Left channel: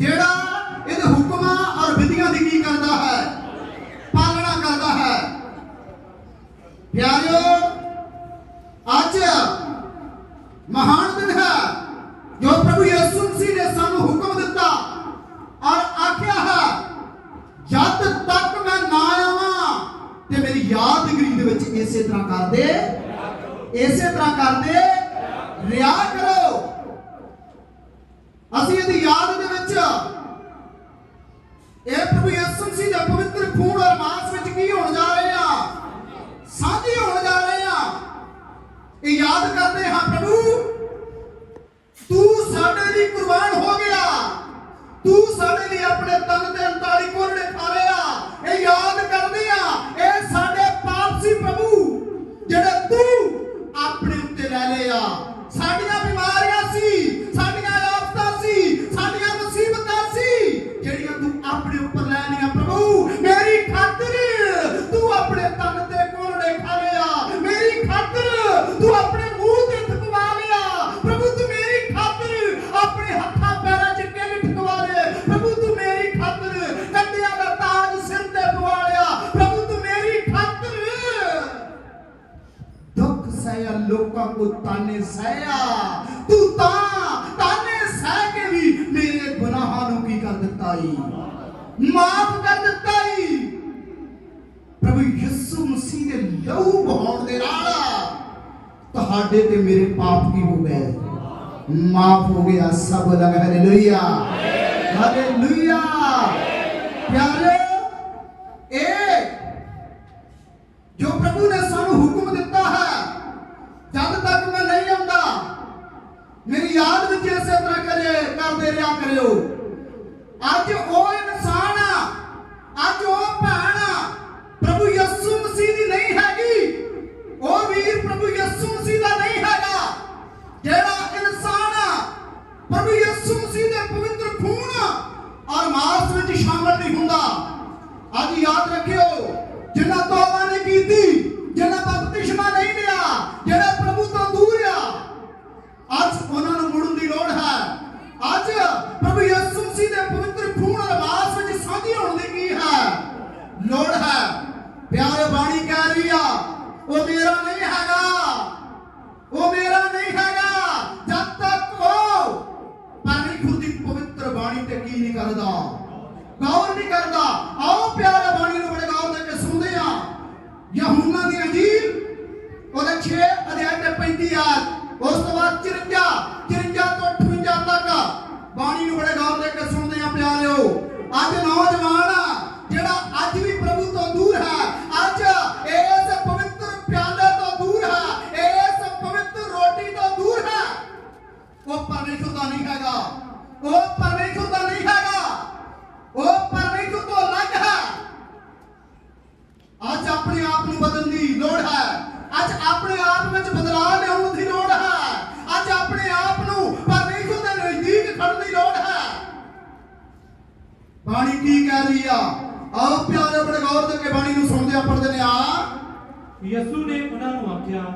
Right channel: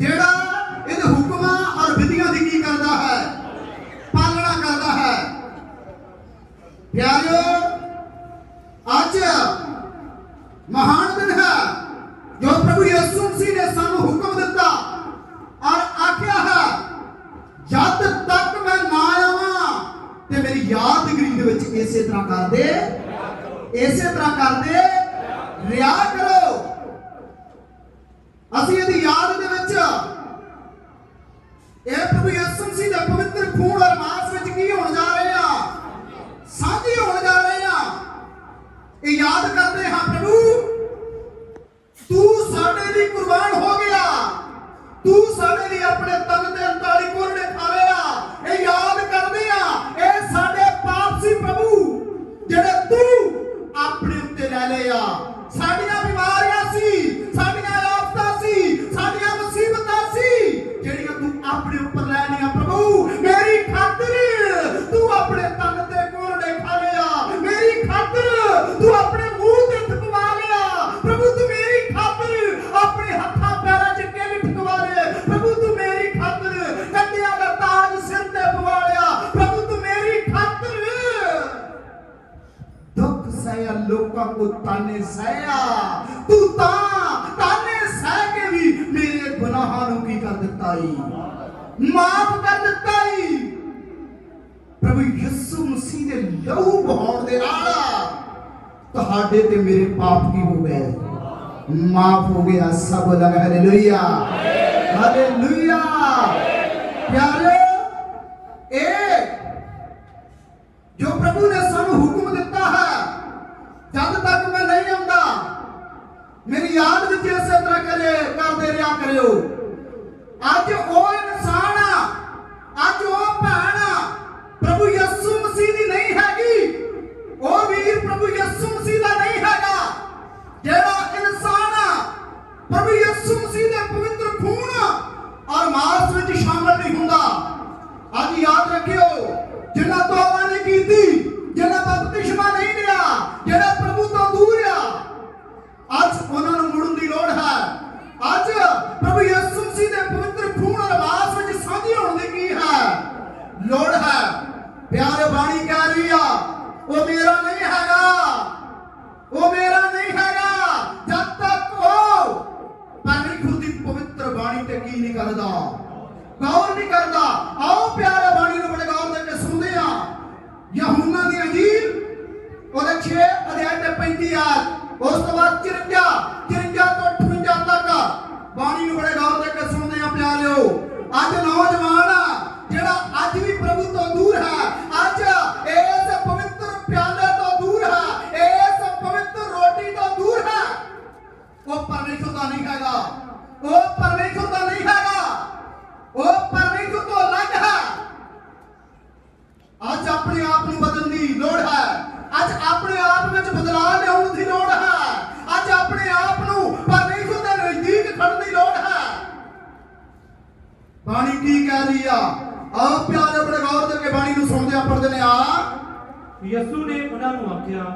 దేవుడా ਤੂੰ ਸਾਡੇ ਲਈ ਆਪਣੇ ਤਨ ਤੇ ਅੰਤਾ ਕਰ ਦਿੱਤਾ ਹੀ ਪ੍ਰਭੂ ਯਿਸੂ ਮਸੀਹ ਦੇ ਲਹੂ ਬਹਾਉਣ ਦੇ ਨਾਲ ਤੁਹਾਡੇ ਤੇ ਮੇਰੇ ਪਾਪ ਕੀ ਹੋ ਗਏ? ਮਾਫ ਹੋ ਗਿਆ ਸਭ ਲਗ ਹਾਲੇਲੂਇਆ ਹਾਲੇਲੂਇਆ ਪਿਆਰੇ ਉਹ ਪਰਮੇਸ਼ਰ ਦਾ ਨਹੀਂ ਹੈਗਾ। ਉਹ ਪਰਮੇਸ਼ਰ ਦਾ ਨਹੀਂ ਹੈਗਾ। ਉਹ ਪਰਮੇਸ਼ਰ ਤੋਂ ਅਲੱਗ ਹੈ। ਅੱਜ ਆਪਣੇ ਆਪ ਨੂੰ ਬਦਲਣ ਦੀ ਲੋੜ ਹੈ। ਅੱਜ ਆਪਣੇ ਆਪ ਵਿੱਚ ਬਦਲਾਅ ਲਿਆਉਣ ਦੀ ਲੋੜ ਹੈ। ਅੱਜ ਆਪਣੇ ਆਪ ਨੂੰ ਪਰਮੇਸ਼ਰ ਦੇ ਨਜ਼ਦੀਕ ਖੜਨ ਦੀ ਲੋੜ ਹੈ। ਬਾਣੀ ਕੀ ਕਹਿ ਰਹੀ ਆ? ਆ ਪਿਆਰੇ ਆਪਣੇ ਗੌਰ ਦੇ ਕੇ ਬਾਣੀ ਨੂੰ ਸੁਣਦੇ ਆ ਪੜਦੇ ਨੇ ਆ ਯਿਸੂ ਨੇ ਉਹਨਾਂ ਨੂੰ ਆਖਿਆ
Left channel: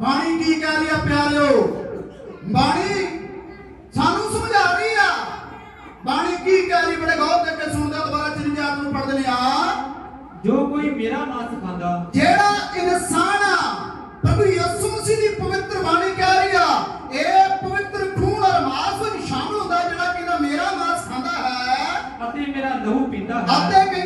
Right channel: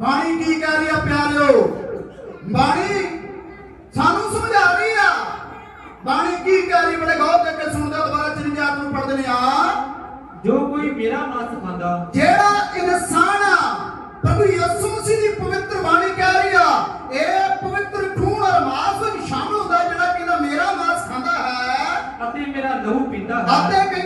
ਬਾਣੀ ਕੀ ਕਹਿ ਰਹੀ ਪਿਆਰਿਓ? ਬਾਣੀ ਸਾਨੂੰ ਸਮਝਾ ਰਹੀ ਆ। ਬਾਣੀ ਕੀ ਕਹਿ ਰਹੀ ਬੜੇ ਗੌਰ ਦੇ ਕੇ ਸੁਣਦਾ ਦੁਬਾਰਾ ਚਿੰਜਾਤ ਨੂੰ ਪੜ੍ਹਦੇ ਨੇ ਆ। ਜੋ ਕੋਈ ਮੇਰਾ ਮਾਸ ਖਾਂਦਾ ਜਿਹੜਾ ਇਨਸਾਨ ਆ ਪ੍ਰਭੂ ਯਿਸੂ ਮਸੀਹ ਦੀ ਪਵਿੱਤਰ ਬਾਣੀ ਕਹਿ ਰਹੀ ਆ ਇਹ ਪਵਿੱਤਰ ਖੂਨ ਔਰ ਮਾਸ ਸ਼ਾਮਲ ਹੁੰਦਾ ਜਿਹੜਾ ਕਿ ਮੇਰਾ ਮਾਸ ਖਾਂਦਾ ਹੈ। ਅਤੇ ਮੇਰਾ ਲਹੂ ਪੀਂਦਾ ਹੈ। ਅਤੇ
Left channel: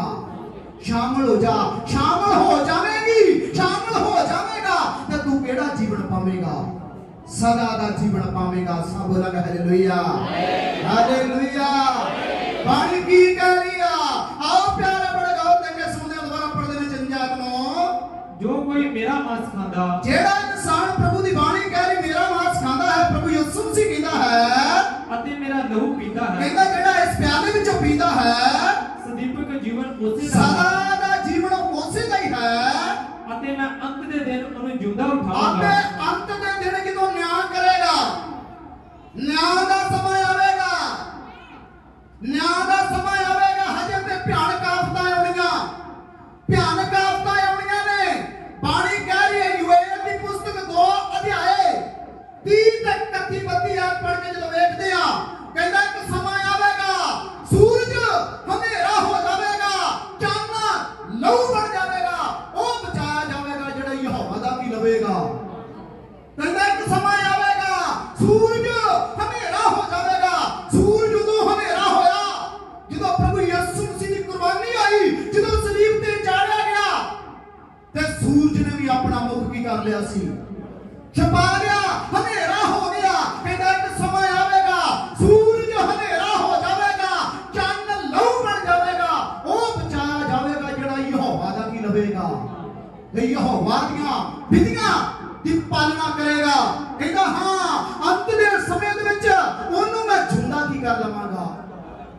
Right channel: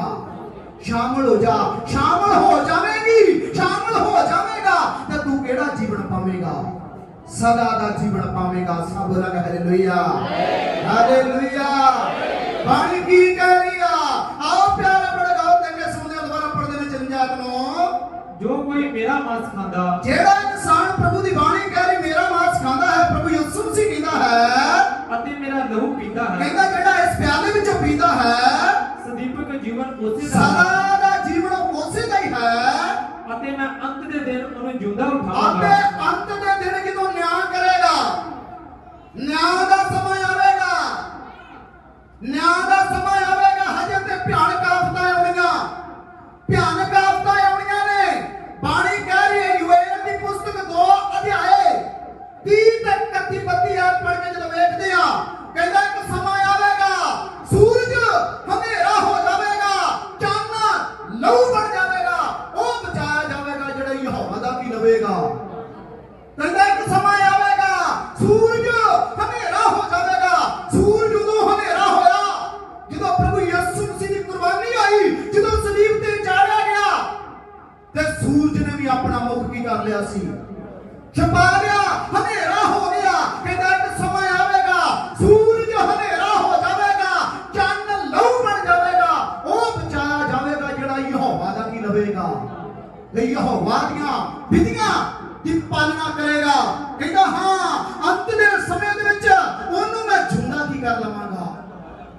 ਜਾ ਸ਼ਾਮਲ ਹੋ ਜਾ ਸ਼ਾਮਲ ਹੋ ਜਾਵੇਂਗੀ ਸ਼ਾਮਲ ਹੋ ਜਾਵੇਂਗਾ। ਤੇ ਤੂੰ ਕਿਹੜਾ ਜੀਵਨ ਪਾਵੇਂਗਾ? ਸਦਾ ਦਾ ਜੀਵਨ ਪਾਵੇਂਗਾ। ਸਭ ਲਗ ਹਾਲੇਲੂਇਆ ਹਾਲੇਲੂਇਆ ਬਾਣੀ ਕੀ ਕਹਿ ਰਹੀ ਆ? ਆਓ ਪਿਆਰੇ ਬੜੇ ਗਾਓ ਤੰਗੇ ਸੁਣਦੇ ਦੁਬਾਰਾ ਪੜਦੇ ਨੇ ਜੰਜਾਤ ਨੂੰ। ਜੋ ਕੋਈ ਮੇਰਾ ਮਾंस ਖਾਂਦਾ। ਜਿਹੜਾ ਇਨਸਾਨ ਪ੍ਰਭੂ ਦੀ ਬਾਣੀ ਕਹਿ ਰਹੀ ਮੇਰਾ ਮਾਸ ਖਾਂਦਾ ਹੈ ਪ੍ਰਭੂ ਯਿਸੂ ਮਸੀਹ ਕਹਿੰਦਾ ਹੈ। ਅਤੇ ਮੇਰਾ ਲਹੂ ਪੀਂਦਾ ਹੈ। ਕਹਿੰਦਾ ਜਿਹੜਾ ਇਸ ਪਿਆਲੇ ਵਿੱਚੋਂ ਪੀਂਦਾ ਹੈ ਜੀਵਨ ਉਸੇ ਦਾ ਹੈ ਸਦਾ ਦਾ ਜੀਵਨ ਉਸੇ ਦਾ ਹੀ ਹੈ। ਅਤੇ ਮੈਂ ਅੰਤ ਦੇ ਦਿਨ ਉਹਨੂੰ ਜਿਉਂਦਾ ਉਠਾਵਾਂਗਾ। ਅੰਤ ਦੇ ਦਿਨ ਜਦੋਂ ਨਿਆਂ ਕਰੇਗਾ। ਨਿਆਂ ਦਾ ਸਮਾਂ ਆਵੇਗਾ। ਨਿਆਂ ਦਾ ਸਮਾਂ ਆਵੇਗਾ। ਹਜੇ ਤੇ ਭਿਆਨਕ ਆਫਤਾਂ ਆਉਣੀਆਂ। ਭਿਆਨਕ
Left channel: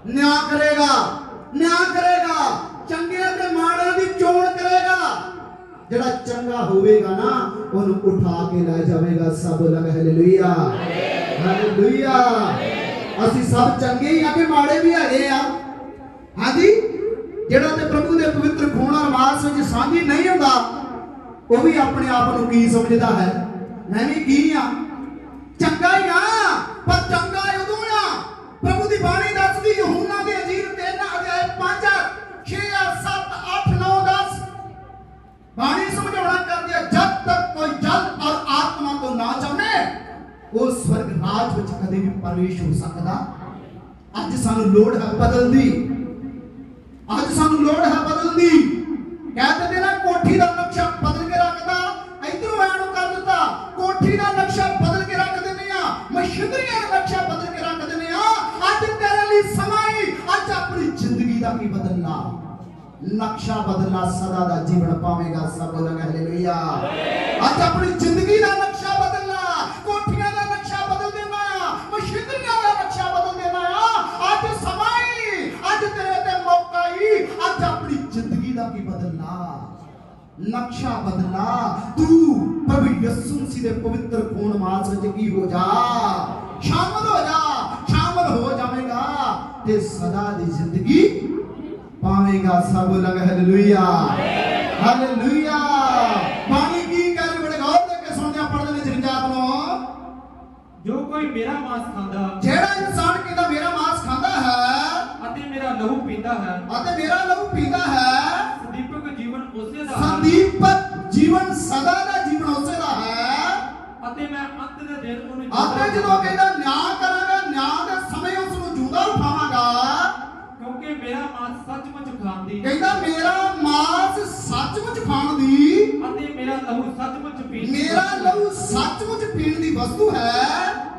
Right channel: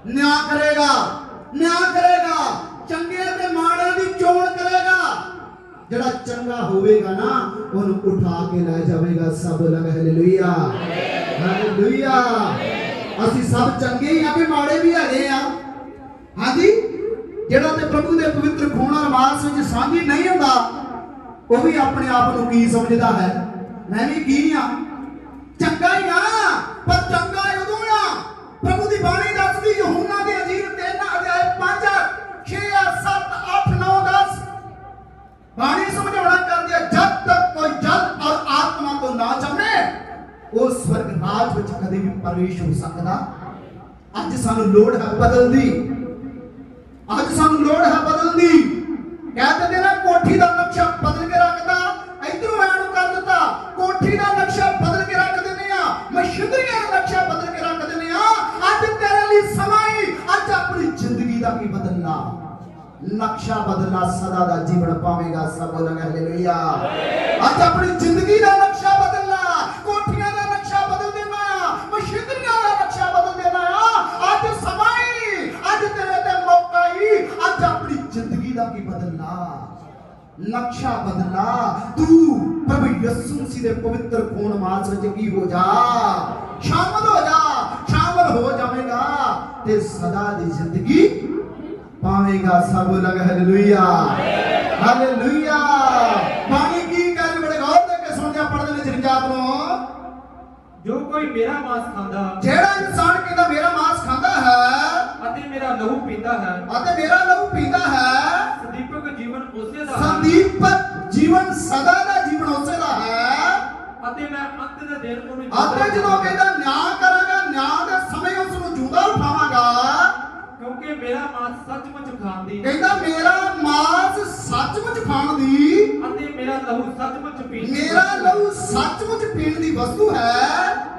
ਨਿਆਂ ਕਰੇਗਾ ਨਿਆਂ ਕਰੇਗਾ, ਚੰਗੇ ਤੇ ਮਾੜੇ ਦੀ ਚੋਣ ਕਰੇਗਾ। ਜਿਹੜਾ ਚੰਗਾ ਹੋਵੇਗਾ ਨਾ, ਉਹਨੂੰ ਉਠਾ ਕੇ ਲੈ ਜਾਵੇਗਾ ਸਭ ਲਗ ਹਾਲੇਲੂਇਆ ਹਾਲੇਲੂਇਆ ਅਸੀਂ ਸਭ ਚੰਗੇ ਹੀ ਆ ਕਿ ਮਾੜੇ ਵੀ ਹੈਗੇ ਆ। ਹਾਂਜੀ? ਜਿਹੜਾ ਤੇ ਪ੍ਰਭੂ ਦੇ ਪਵਿੱਤਰ ਖੂਨ ਔਰ ਮਾਸ ਵਿੱਚ ਸਾਂਝੀ ਨਹੀਂ ਹੁੰਦਾ, ਉਹ ਵੀ ਆਪਣੇ ਆਪ ਨੂੰ ਕੀ ਸਮਝਦਾ ਹੈ? ਮੈਂ ਵੀ ਕੀ ਆ? ਚੰਗਾ ਹੀ ਆ, ਪਰ ਚੰਗਾ ਉਦੋਂ ਆ। ਪ੍ਰਭੂ ਦੀ ਬਾਣੀ ਯਹੂਨਾ ਦੇ ਅਜੀਰ 3 ਅਧਿਆਇ 5 6 7 8 9 10 ਬਾਣੀ ਸਮਝਾਉਣਾ ਕਰਦੇ ਜਦ ਤੱਕ ਕੋਈ ਜਲ ਔਰ ਆਤਮਾ ਤੋਂ ਨਾ ਜੰਮੇ, ਉਹ ਸਵਰਗ ਰਾਜ ਵਿੱਚ ਕਦੇ ਵੀ ਪ੍ਰਵੇਸ਼ ਹੋ ਸਕਦਾ। ਅੱਜ ਸਾਨੂੰ ਲੋੜ ਹੈ ਬਦਲਣ ਦੀ ਅੱਜ ਸਾਨੂੰ ਲੋੜ ਹੈ ਬਦਲਣ ਦੀ ਨਕਸ਼ਾ ਬਦਲਾ ਸਦਾ ਦਾ ਜੀਵਨ ਪਾਵੇਗਾ, ਸਭ ਲੋਕ ਹਾਲੇਲੂਇਆ ਅੱਜ ਆਪਣੀ ਜ਼ਿੰਦਗੀ ਦਾ ਨਕਸ਼ਾ ਬਦਲਣਾ, ਕੋਠੀਆਂ ਦਾ ਨਕਸ਼ਾ ਬਦਲ ਦੇਣਾ, ਮਸ਼ੀਨਰੀਆਂ ਦਾ ਨਕਸ਼ਾ ਬਦਲ ਦੇਣਾ ਆ ਅੱਜ ਸਮਾਂ ਹੀ ਅੱਜ ਤੇਰੇ ਤੇ ਮੌਕਾ ਹੀ ਅੱਜ ਆਪਣੀ ਜ਼ਿੰਦਗੀ ਦਾ ਕੀ ਬਦਲਣਾ? ਨਕਸ਼ਾ ਬਦਲਣਾ, ਤੂੰ ਪ੍ਰਭੂ ਯਿਸੂ ਮਸੀਹ ਦੇ ਪਵਿੱਤਰ ਖੂਨ ਮਾਸ ਵਿੱਚ ਕੀ ਹੋ ਜਾ? ਸ਼ਾਮਲ ਹੋ ਜਾ, ਸ਼ਾਮਲ ਹੋ ਜਾਵੇਗਾ ਤੇ ਸਦਾ ਦੀ ਜ਼ਿੰਦਗੀ ਪਾਵੇਗਾ ਸਭ ਲਗ ਹਾਲੇਲੂਇਆ ਹਾਲੇਲੂਇਆ ਬਾਣੀ ਕੀ ਗੱਲ ਬੜੇ ਗੌਰ ਦੇ ਕੇ ਸੁਣਿਆ ਪੜਦੇ ਨੇ ਜਨਜਾਤ ਨੂੰ ਜੋ ਕੋਈ ਮੇਰਾ ਮਾंस ਖਾਂਦਾ ਜਿਹੜਾ ਇਨਸਾਨ ਕਹਿੰਦਾ ਮੇਰਾ ਮਾਸ ਖਾਂਦਾ ਹੈ ਅਤੇ ਮੇਰਾ ਲਹੂ ਪੀਂਦਾ ਹੈ ਅਤੇ ਮੇਰਾ ਲਹੂ ਪੀਂਦਾ ਹੈ ਸਦੀਪਕ ਜੀਵਨ ਉਸੇ ਦਾ ਸੰਦੀਪਕ ਜੀਵਨ ਸਦਾ ਦਾ ਜੀਵਨ ਉਸੇ ਦਾ ਹੈ। ਅਤੇ ਮੈਂ ਅੰਤ ਦੇ ਦਿਨ ਉਹਨੂੰ ਅਤੇ ਜਦੋਂ। ਕਹਿੰਦਾ ਨਿਆਂ ਕਰਾਂਗਾ ਨਿਆਂ ਦੇ ਸਮੇਂ ਉਸ ਨੂੰ ਜੂਦਾ ਉਠਾਵਾਂਗਾ ਕਿਉਂਕਿ ਮੇਰਾ ਮਾंस ਸੱਚਮੁੱਚ ਖਾਣ ਦੀ ਕਹਿੰਦਾ ਮੇਰਾ ਮਾਸ ਸੱਚਮੁੱਚ ਖਾਣ ਦੀ ਅਤੇ ਮੇਰਾ ਲਹੂ ਸੱਚਮੁੱਚ ਪੀਣ ਦੀ ਮੇਰਾ ਲਹੂ ਸੱਚਮੁੱਚ ਪੀਣ ਦੀ ਵਸਤੂ ਹੈ।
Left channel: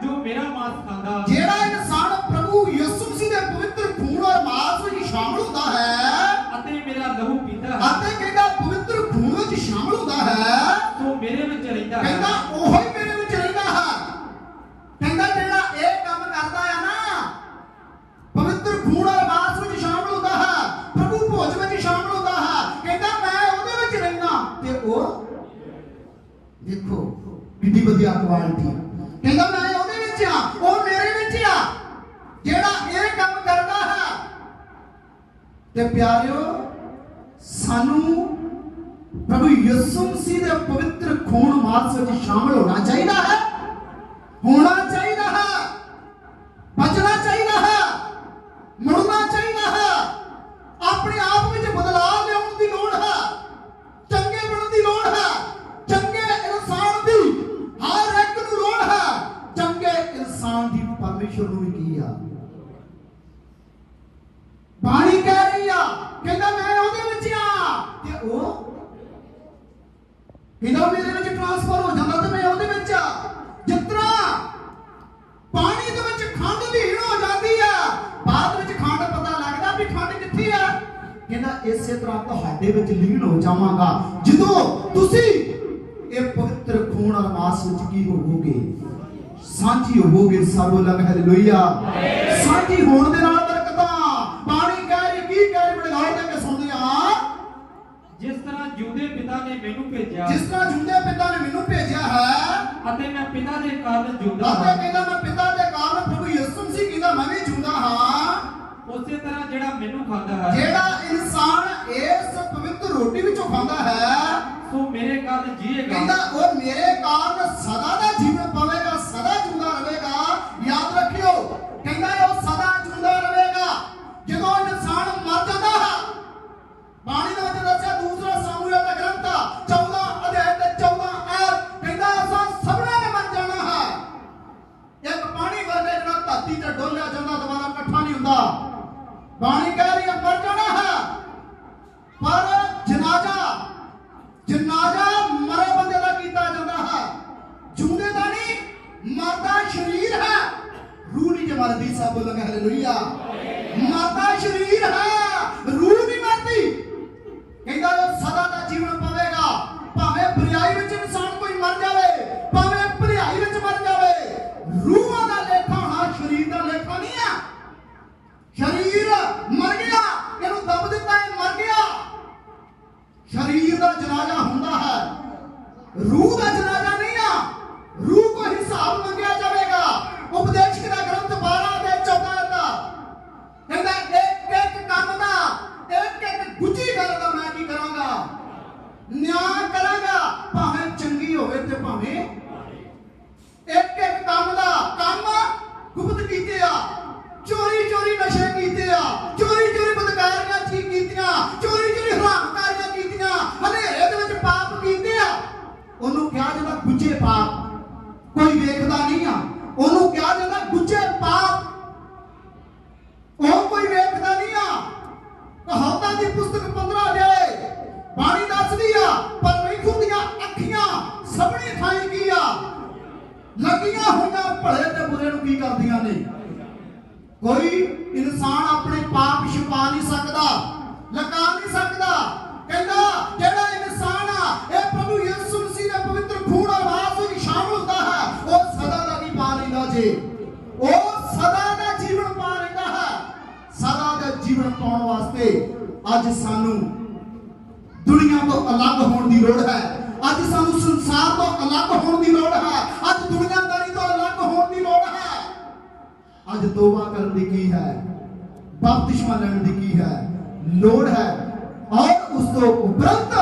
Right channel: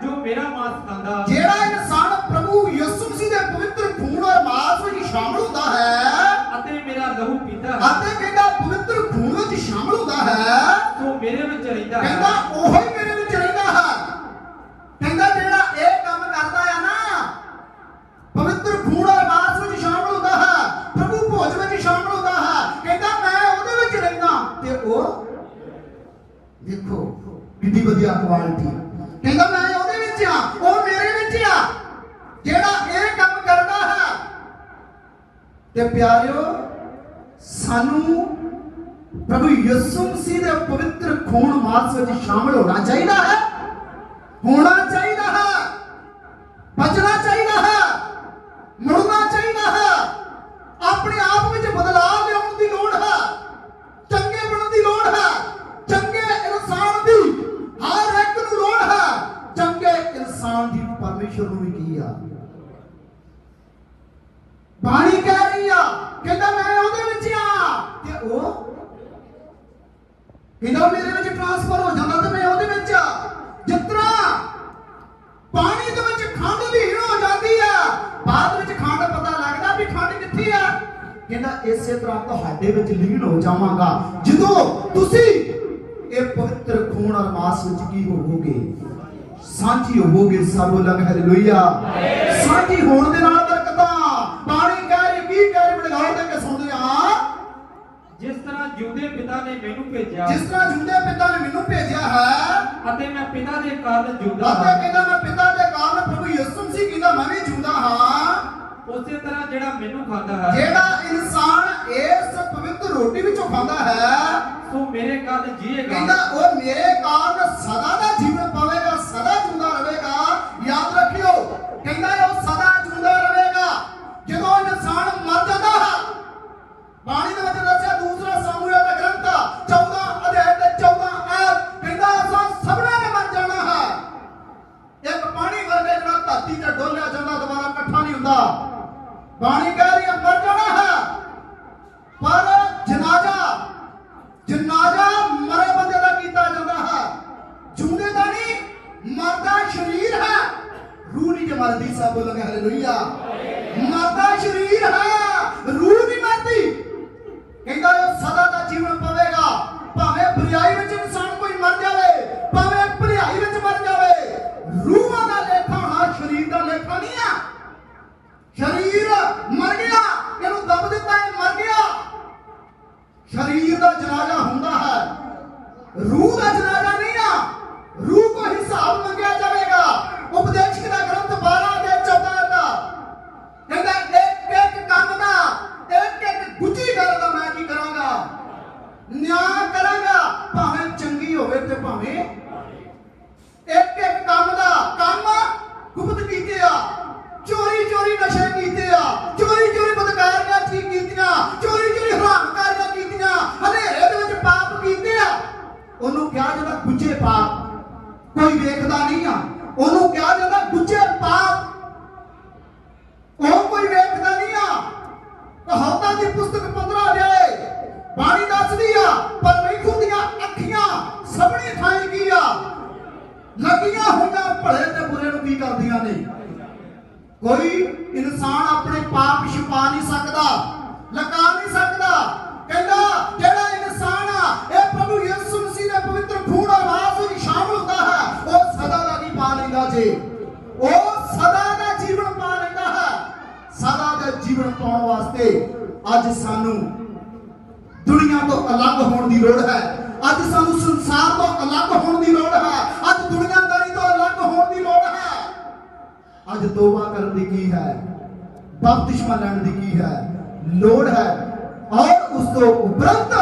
ਜੋ ਮੇਰਾ ਮਾंस ਖਾਂਦਾ ਜਿਹੜਾ ਇਨਸਾਨ ਪ੍ਰਭੂ ਯਿਸੂ ਮਸੀਹ ਦੇ ਪਵਿੱਤਰ ਖੂਨ ਔਰ ਮਾਸ ਵਿੱਚ ਸ਼ਾਮਲ ਹੁੰਦਾ ਹੈ ਅਤੇ ਮੇਰਾ ਲਹੂ ਪੀਂਦਾ ਹੈ। ਅਤੇ ਕਹਿੰਦਾ ਪਵਿੱਤਰ ਖੂਨ ਵਿੱਚ ਸ਼ਾਮਲ ਹੁੰਦਾ ਹੈ। ਸੋ ਮੇਰੇ ਵਿੱਚ ਰਹਿੰਦਾ ਕਹਿੰਦਾ ਹੈ ਉਹ ਹੀ ਮੇਰੇ ਵਿੱਚ ਰਹਿੰਦਾ ਹੈ। ਕਹਿੰਦਾ ਜਿਹੜਾ ਇਹ ਕੰਮ ਕਰਦਾ ਆ ਨਾ ਪਵਿੱਤਰ ਖੂਨ ਔਰ ਮਾਸ ਵਿੱਚ ਸ਼ਾਮਲ ਹੁੰਦਾ ਹੈ ਪ੍ਰਭੂ ਭੋਜ ਵਿੱਚ ਸ਼ਾਮਲ ਹੁੰਦਾ ਹੈ ਕਹਿੰਦਾ ਮੈਂ ਉਹਦੇ ਵਿੱਚ ਰਹਿੰਦਾ ਤੇ ਉਹ ਦੇਖੋ ਕਿੰਨੀ ਵਧੀਆ ਕੁਆਲਿਟੀ ਕਹਿੰਦਾ ਮੈਂ ਉਹਦੇ ਵਿੱਚ ਆ, ਉਹ ਮੇਰੇ ਵਿੱਚ ਆ। ਜਿਹੜਾ ਇਹ ਕੰਮ ਕਰਦਾ ਹੈ। ਤੇ ਪਿਆਰਿਓ, ਸਾਨੂੰ ਪ੍ਰਭੂ ਯਿਸੂ ਮਸੀਹ ਦੇ ਪਵਿੱਤਰ ਖੂਨ ਮਾਸ ਵਿੱਚ ਸ਼ਾਮਲ ਹੋਣਾ ਚਾਹੀਦਾ ਹੈ। ਹੋਣਾ ਚਾਹੀਦਾ ਹੈ ਬਚਣਾ ਚਾਹੀਦਾ ਹੈ ਮੁੜਨਾ ਚਾਹੀਦਾ ਹੈ ਕਹਿੰਦਾ ਮੈਂ ਉਹਦੇ ਵਿੱਚ ਆ। ਤੇ ਉਹ? ਕਹਿੰਦਾ ਮੇਰੇ ਵਿੱਚ ਟ੍ਰਾਂਸਫਰ ਹੋ ਜਾਂਦਾ ਤੇ ਮੈਂ ਉਹਦੇ ਵਿੱਚ ਆ। ਜਿਸ ਪਾਣੀ ਦੇ ਵਿੱਚ ਖੰਡ ਲੀਨ ਹੋ ਜਾਂਦੀ ਆ। ਬਾਅਦ ਵਿੱਚ ਖੰਡ ਪਤਾ ਲੱਗਦਾ ਵੀ ਖੰਡ ਕਿੱਥੇ ਆ। ਕਹਿੰਦਾ ਇਸੇ ਤਰ੍ਹਾਂ ਤੁਹਾਡੇ ਵਿੱਚ ਲੀਨ ਹੋ ਜਾਵਾਂਗਾ। ਜਦੋਂ ਤੁਸੀਂ ਇਹ ਪਵਿੱਤਰ ਖੂਨ ਔਰ ਮਾਸ ਵਿੱਚ ਕੀ ਹੋਵੋਗੇ? ਸਾਂਝੀ ਹੋਵੋਗੇ ਸਭ ਲਗ ਹਾਲੇਲੂਇਆ ਸਾਂਝੀ ਹੋਣ ਦੇ ਨਾਲ ਬਰਕਤਾਂ ਪਾਣੀ ਕਹਿ ਰਹੀ ਕੀ ਕਹਿ ਰਹੀ ਬੜਗਾਈ ਦੇ ਕੇ ਸੁਣਦੇ ਹਾਂ ਜਿਸ ਤਰ੍ਹਾਂ ਜਿਉਂਦੇ ਪਿਤਾ ਨੇ ਮੈਨੂੰ ਭੇਜਿਆ ਜਿਸ ਤਰ੍ਹਾਂ ਜੁੰਦੇ ਪਿਤਾ ਨੇ ਮੈਨੂੰ ਭੇਜਿਆ ਹੈ ਅਤੇ ਮੈਂ ਪਿਤਾ ਦੇ ਕਾਰਨ ਜਿਉਂਦਾ ਅਤੇ ਹਾਂ। ਕਹਿੰਦਾ ਮੈਂ ਪਿਤਾ ਦੇ ਕਾਰਨ ਪ੍ਰਭੂ ਯਿਸੂ ਮਸੀਹ ਕਹਿੰਦਾ ਮੈਂ ਵੀ ਜਿਉਂਦਾ ਹਾਂ। ਉਸੇ ਤਰ੍ਹਾਂ ਜਿਹੜਾ ਮੈਨੂੰ ਖਾਂਦਾ ਹੈ ਜਿਹੜਾ ਇਨਸਾਨ ਇਸ ਪਵਿੱਤਰ ਰੋਟੀ ਵਿੱਚੋਂ ਖਾਂਦਾ ਹੈ ਸੋ ਮੇਰੇ ਕਾਰਨ ਜੀਏਗਾ। ਕਹਿੰਦਾ ਉਹ ਮੇਰੇ ਕਾਰਨ ਸਦਾ ਦਾ ਜੀਵਨ ਪਾਵੇਗਾ ਸਦਾ ਰੂਹਾਂ ਦਾ ਲੇਖਾ ਹੋਣਾ ਸ਼ਰੀਰ ਦਾ ਲੇਖਾ ਨਹੀਂ ਆ। ਸ਼ਰੀਰ ਮਰ ਗਿਆ, ਇਹਨੂੰ ਦਬ ਦਿੱਤਾ, ਇਹ ਮਰ ਗਿਆ। ਸ਼ਰੀਰ ਦਾ ਜਨਾਜ਼ਾ ਹੁੰਦਾ ਹੈ। ਰੂਹ ਦਾ ਤੋਂ ਉਪਰੰਤ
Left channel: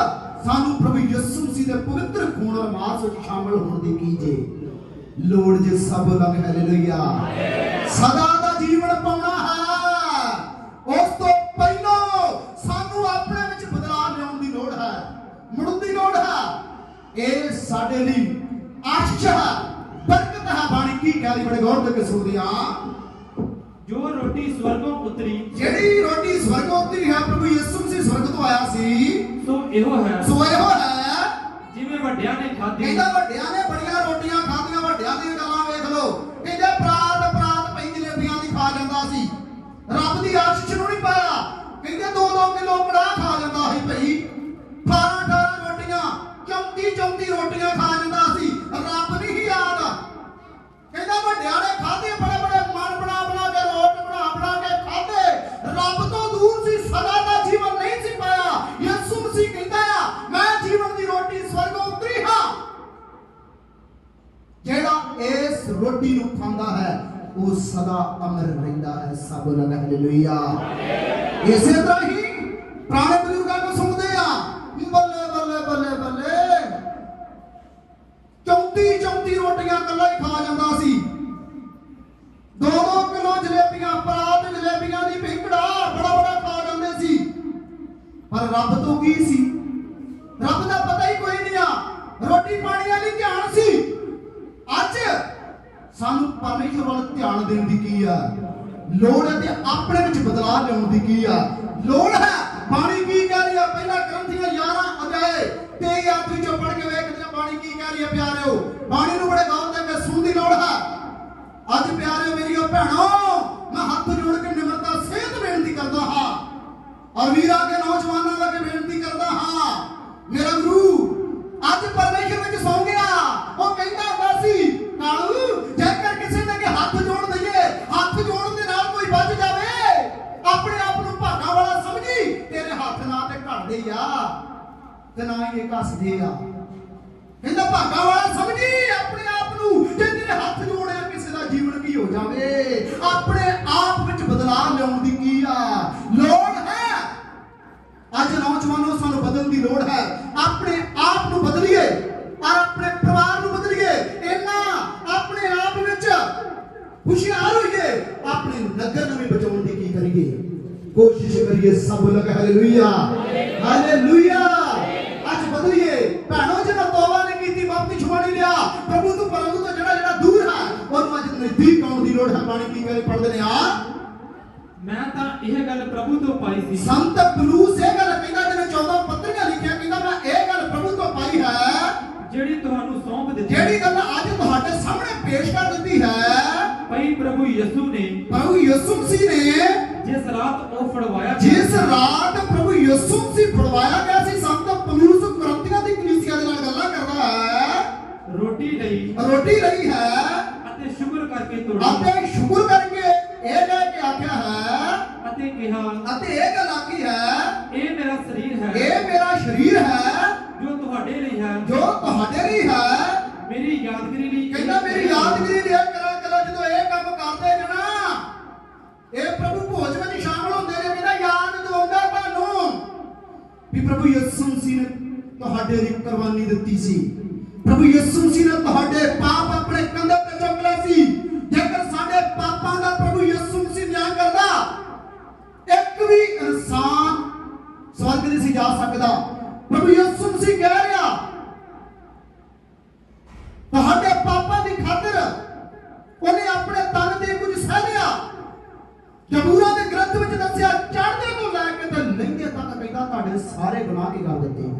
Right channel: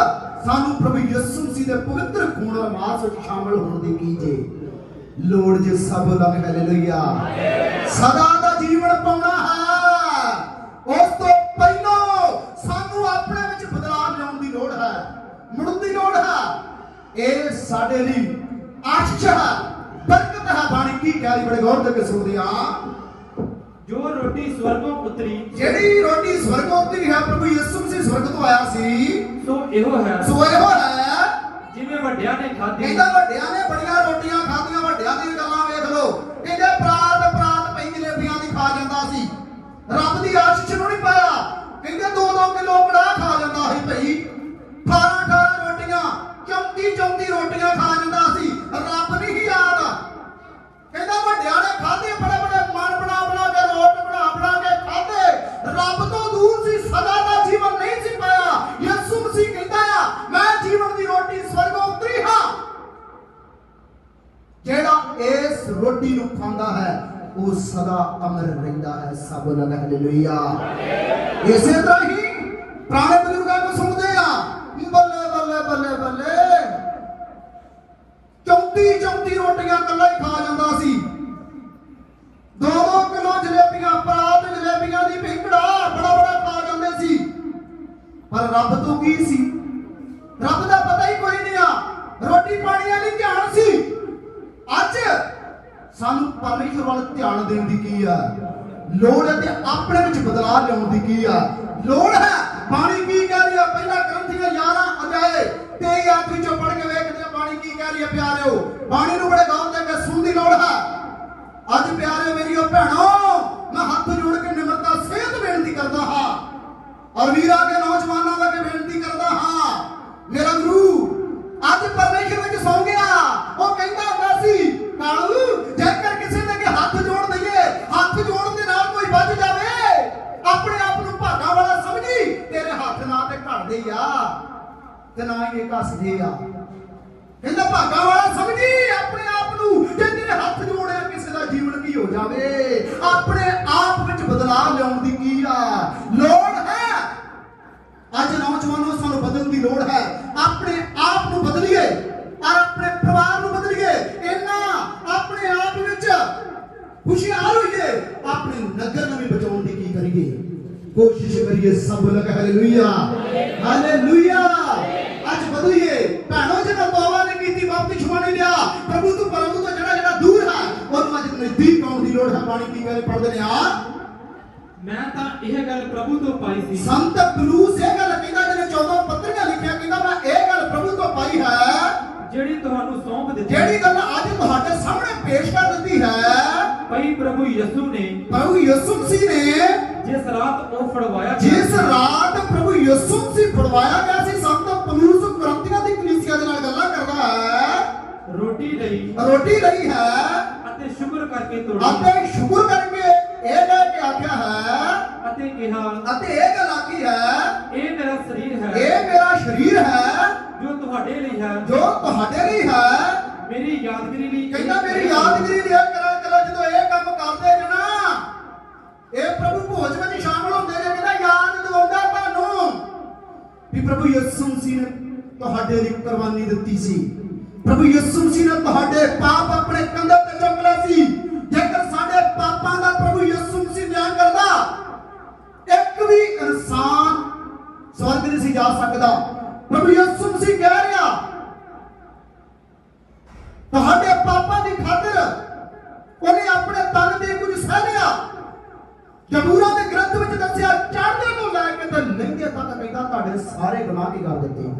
ਸਾਨੂੰ ਪ੍ਰਭੂ ਯਿਸੂ ਮਸੀਹ ਦੇ ਪਵਿੱਤਰ ਖੂਨ ਔਰ ਮਾਸ ਵਿੱਚ ਸ਼ਾਮਲ ਹੋਣ ਦੀ ਕੀ ਲੋੜ ਜੇ ਸਭ ਲੱਗ ਹਾਲੇਲੂਇਆ ਸਦਾ ਦਾ ਜੀਵਨ ਪਾਉਣਾ ਹੈ। ਉਸ ਤੋਂ ਪਹਿਲਾਂ ਸਾਨੂੰ ਆਪਣੇ ਵਿੱਚ ਬਦਲਾਅ ਲਿਆਉਣ ਦੀ ਲੋੜ ਹੈ। ਮੁੜਨ ਦੀ ਲੋੜ ਹੈ। ਇਹ ਸਾਡੇ ਲਈ ਆਸ਼ੀਸ਼ ਬਰਕਤ ਹੈ ਬਾਣੀ ਕੀ ਕਹਿ ਰਹੀ ਬੜੇ ਗੌਰ ਦੇ ਕੇ ਸੁਣਦੇ ਆ ਜੋ ਰੋਟੀ ਸਵਰਗੋਂ ਉਤਰੀ ਜਿਹੜੀ ਰੋਟੀ ਸਵਰਗੋਂ ਉਤਰੀ ਹੈ ਪ੍ਰਭੂ ਯਿਸੂ ਮਸੀਹ ਸਵਰਗ ਤੋਂ ਆਇਆ ਸੀ। ਸੋ ਇਹੋ ਹੈ। ਸੋ ਇਹੋ ਹੈ। ਜਿਵੇਂ ਵੱਡਿਆਂ ਨੇ ਖਾਧੀ। ਕਹਿੰਦਾ ਵੱਡਿਆਂ ਨੇ ਬੜੀਆਂ ਰੋਟੀਆਂ ਖਾਧੀਆਂ ਵੱਡਿਆਂ ਦੀਆਂ ਗੱਲਾਂ ਵੇਖ ਲਓ। ਕਹਿੰਦੇ ਪ੍ਰਾਤ ਪ੍ਰਾਤ ਪਈ ਜਲੇਬੀਆਂ ਦੀ ਖਾ ਜਾਂਦਾ ਸੀ। ਰੱਬ ਦੀ ਆਸ਼ੀਸ਼ ਨੂੰ ਨਹੀਂ ਪਾਇਆ। ਕਹਿੰਦੇ ਦੋ ਦੋ ਕਿਲੋ ਕੜਾਹ ਖਾ ਜਾਂਦਾ ਸੀ ਭਈ। 18 18 ਰੋਟੀਆਂ 34 34 ਰੋਟੀਆਂ ਖਾ ਇਸ ਰੋਟੀ ਨੂੰ ਖਾਂਦਾ ਹੈ, ਉਹ ਸਦਾ ਅਮਰ ਰਹਿੰਦਾ ਹੈ ਸਭ ਲਗ ਹਾਲੇਲੂਇਆ ਇਸੇ ਤਰ੍ਹਾਂ ਹੀ ਪੁਰਾਣੇ ਬਜ਼ੁਰਗਾਂ ਨੂੰ ਸੁਣਦੇ ਆ ਬੱਲੇ ਬੱਲੇ ਬੱਲੇ ਬੱਲੇ। 34 34 ਰੋਟੀਆਂ ਇਕੱਲਾ ਹੀ ਖਾ ਜਾਂਦਾ ਸੀ। ਦੋ ਦੋ ਕਿਲੋ ਜਲੇਬੀਆਂ, ਪਰਾਤ ਜਲੇਬੀਆਂ ਦੀ ਭਿੰਕੜਾ ਬੜਾ ਬੜਾ ਖਾ ਜਾਂਦੇ ਸੀ। ਪਰ ਰੱਬ ਤੋਂ ਕੀ ਸੀ? ਰੱਬ ਦਾ ਪਤਾ ਹੀ ਕੋਈ ਨਹੀਂ ਆ। ਰੋਟੀ ਪਾਣੀ ਵਾਲੀ ਧਿਆਨ ਸੀ। ਅੱਜ ਸਾਨੂੰ ਪਰਮੇਸ਼ਰ ਵੱਲ ਧਿਆਨ ਦੇਣ ਦੀ ਕੀ ਆ? ਲੋੜ ਹੈ ਤੇ ਆਪਣੇ ਵਿੱਚ ਬਦਲਾਅ ਲਿਆਉਣ ਦੀ ਕੀ ਆ? ਲੋੜ ਹੈ? ਬਾਣੀ ਕੀ ਕਹਿ ਰਹੀ ਹੈ ਪਹਿਲਾ ਗ੍ਰੰਥੀਆਂ 11 ਅਧਿਆਏ ਤੇ ਯਾਦ ਵਿੱਚੋਂ ਪੜ੍ਹ ਕੇ ਵੇਖਦੇ ਹਾਂ ਬਾਣੀ ਕੀ ਕਹਿ ਰਹੀ ਹੈ ਪਿਆਰਿਓ। ਬਾਣੀ ਨੂੰ ਬੜੇ ਗੌਰ ਦੇ ਕੇ ਸੁਣਨ ਦੀ ਲੋੜ ਹੈ। ਅੱਜ ਪਿਆਰਿਓ ਮੇਰੀਓ ਭੈਣੋ, ਮੈਂ ਹੱਥ ਜੋੜ ਕੇ ਨਿਮਰਤਾ ਸੇਧ ਬੇਨਤੀ ਕਰਦਾ ਹਾਂ। ਔਰ ਵੀਰਾਂ ਦੇ ਨੌਜਵਾਨਾਂ ਦਾ ਬੇਨਤੀ ਕਰਦਾ ਹਾਂ। ਮੇਰਾ ਗੁਰੂ, ਅੱਜ ਪਰਮੇਸ਼ਰ ਵਿੱਚ ਸੌਂ ਗਿਆ। ਉਹ ਕਹਿੰਦਾ ਹੁੰਦਾ ਸੀ ਕਾਲੂ ਜੇਕਰ ਕਿਸੇ ਦੇ ਅੱਗੇ ਹੱਥ ਜੋੜ ਦਈਏ, ਹੱਥ ਜੋੜਨ ਦੇ ਨਾਲ ਕੋਈ ਵੱਜ ਜਾਵੇ। ਆਪਣੇ ਆਪ ਨੂੰ ਭਾਗਾ ਵਾਲਾ ਸਮਝੀ, ਤੇਰੇ ਹੱਥ ਨਾ ਤੇ ਘੜਦੇ ਆ, ਤੇ ਨਾ ਹੀ ਇਹ ਕੱਸਦੇ ਆ। ਕਹਿੰਦਾ, ਭਾਗਾ ਵਾਲਾ ਸਮਝੀ, ਆਪਣੇ ਆਪ ਨੂੰ, ਜੇ ਤੇਰੇ ਹੱਥ ਜੋੜਿਆ ਕਿਸੇ ਦਾ ਜੀਵਨ ਕੀ ਹੋ ਜਾਵੇ। ਆਪਣੇ ਆਪ ਵਿੱਚ ਬਦਲਾਅ ਲਿਆਉਣ ਦੀ ਕੀ ਆ? ਲੋੜ ਲਈ ਰੋਟੀ ਲਈ ਹੈ। ਅਤੇ ਸ਼ੁਕਰ ਕਰਕੇ ਤੋੜੀ। ਆਪਣੇ ਸ਼ੁਕਰ ਕਰਕੇ ਇਹ ਕਹਿ ਕੇ ਆਖਿਆ ਹੈ। ਅਤੇ ਕਿਹਾ ਅਤੇ ਇਹ ਗੱਲ ਆਖੀ ਹੈ ਇਹ ਮੇਰਾ ਸਰੀਰ ਹੈ। ਇਹ ਮੇਰਾ ਸਰੀਰ ਹੈ ਜੋ ਤੁਹਾਡੇ ਲਈ ਹੈ। ਜੋ ਤੁਹਾਡੇ ਲਈ ਹੈ। ਮੇਰੀ ਯਾਦਗਰੀ ਲਈ। ਕਹਿੰਦਾ ਮੇਰੀ ਯਾਦਗਿਰੀ ਲਿਆ ਕਰਾ ਕਰਾ ਜਦੋਂ ਇਹ ਕੰਮ ਕਰਦੇ ਨੇ ਨਾ ਇਹ ਪ੍ਰਭੂ ਭੋਜ ਵਿੱਚ ਸ਼ਾਮਲ ਹੁੰਦੇ ਨੇ ਕਹਿੰਦਾ ਯਾਦ ਦਿਵਾਉਂਦਾ ਤੁਹਾਨੂੰ ਵੀ ਪ੍ਰਭੂ ਯਿਸੂ ਮਸੀਹ ਨੇ ਤੁਹਾਡੇ ਲਈ ਕੁਰਬਾਨੀ ਦਿੱਤੀ ਸੀ। ਪ੍ਰਭੂ ਯਿਸੂ ਮਸੀਹ ਨੇ ਤੁਹਾਡੇ ਪਾਪ ਜਬੂਰਾ ਦੇ ਗ੍ਰੰਥ ਵਿੱਚ ਦੱਸਿਆ, ਚੜ੍ਹਦੇ ਤੋਂ ਲੈ ਕੇ ਤੇ ਲੰਘੇ ਤੱਕ ਕਹਿੰਦਾ, ਤੁਹਾਡੇ ਸਾਰੇ ਗੁਨਾਹ ਕੀ ਕਰ ਦਿੱਤੇ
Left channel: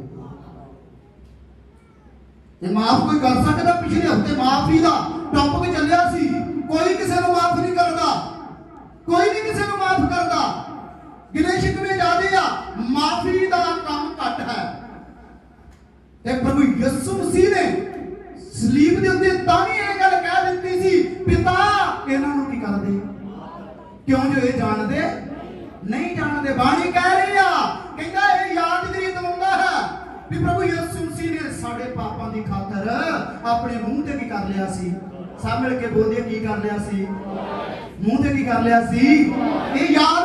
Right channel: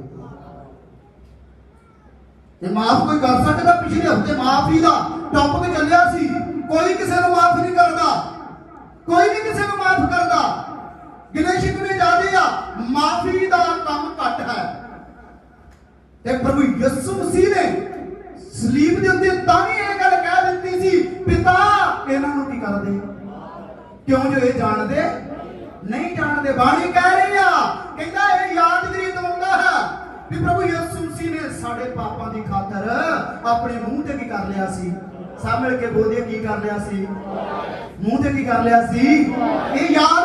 ਇਹ ਮਾਫ ਕੋਈ ਕਰ ਸਕਦਾ, ਪਿਛਲੇ ਹਫ਼ਤੇ ਮਾਫੀ ਦਾ ਟੌਪਿਕ ਚੱਲਿਆ ਸੀ, ਕੋਈ ਕਿਸੇ ਨੂੰ ਮਾਫ ਨਹੀਂ ਕਰਦਾ। ਕੋਈ ਨਹੀਂ ਕਿਸੇ ਨੂੰ ਮਾਫ ਕਰਦਾ। ਗਿਲੇ ਸ਼ਿਕਵੇ ਜ਼ਿਆਦੇ ਆ, ਮਾਫੀ ਦਾ ਕੰਮ ਘੱਟ ਹੈ। ਤੇ ਪ੍ਰਭੂ ਯਿਸੂ ਮਸੀਹ ਨੇ ਸਲੀਬ ਦੇ ਉੱਤੇ ਤਾਂ ਵੀ ਇਹ ਗੱਲ ਕਹਿ ਦਿੱਤੀ ਸੀ, ਪਿਤਾ, ਇਹਨਾਂ ਨੂੰ ਕੀ ਕਰਦੇ? ਕਿਉਂ ਜੋ ਇਹ ਜਾਣਦੇ? ਨਹੀਂ ਜਾਣਦੇ। ਬਾਣੀ ਕਹਿ ਰਹੀ ਆ, ਕਹਿੰਦਾ ਇਹ ਯਾਦ ਯਾਦਗਰੀ ਦਿਵਾਉਂਦਾ ਹੈ ਵੀ ਪ੍ਰਭੂ ਯਿਸੂ ਮਸੀਹ ਨੇ ਸਾਡੇ ਪਾਪਾਂ ਦੀ ਖਾਤਰ ਆਪਣੇ ਮੂੰਹ ਤੇ ਕੀ ਕਰ ਲਿਆ ਸੀ? ਸਭ ਮਿਲ ਕੇ ਬੋਲਦੇ ਕੀ ਕਰ ਲਿਆ ਸੀ? ਮੂੰਹ ਤੇ ਕੀ ਕਰ ਲਿਆ ਸੀ? ਇਹ ਯਾਦ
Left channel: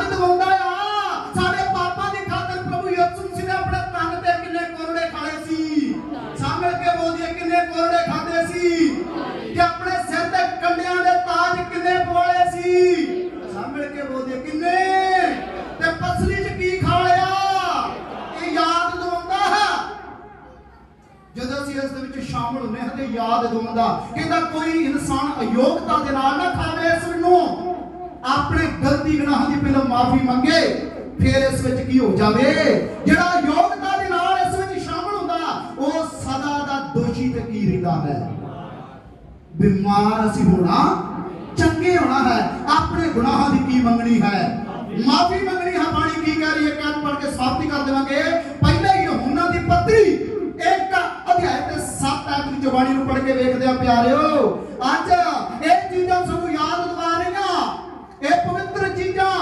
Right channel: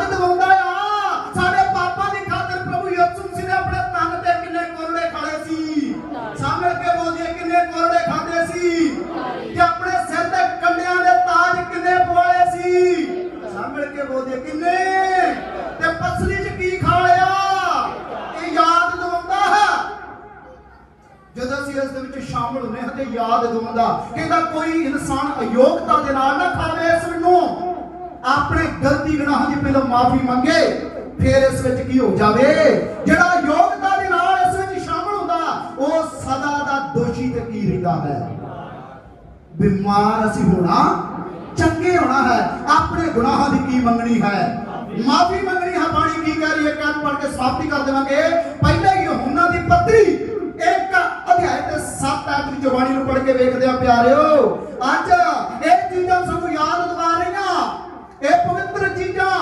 7 ਬਾਣੀ ਨੂੰ ਪੜ੍ਹ ਕੇ ਵੇਖਦੇ ਆ ਪਿਆਰਿਓ। ਅੱਜ ਇਹ ਚੀਜ਼ਾਂ ਸਾਨੂੰ ਯਾਦ ਦਿਵਾ ਰਹੀਆਂ। ਇਹ ਪਵਿੱਤਰ ਚੀਜ਼ਾਂ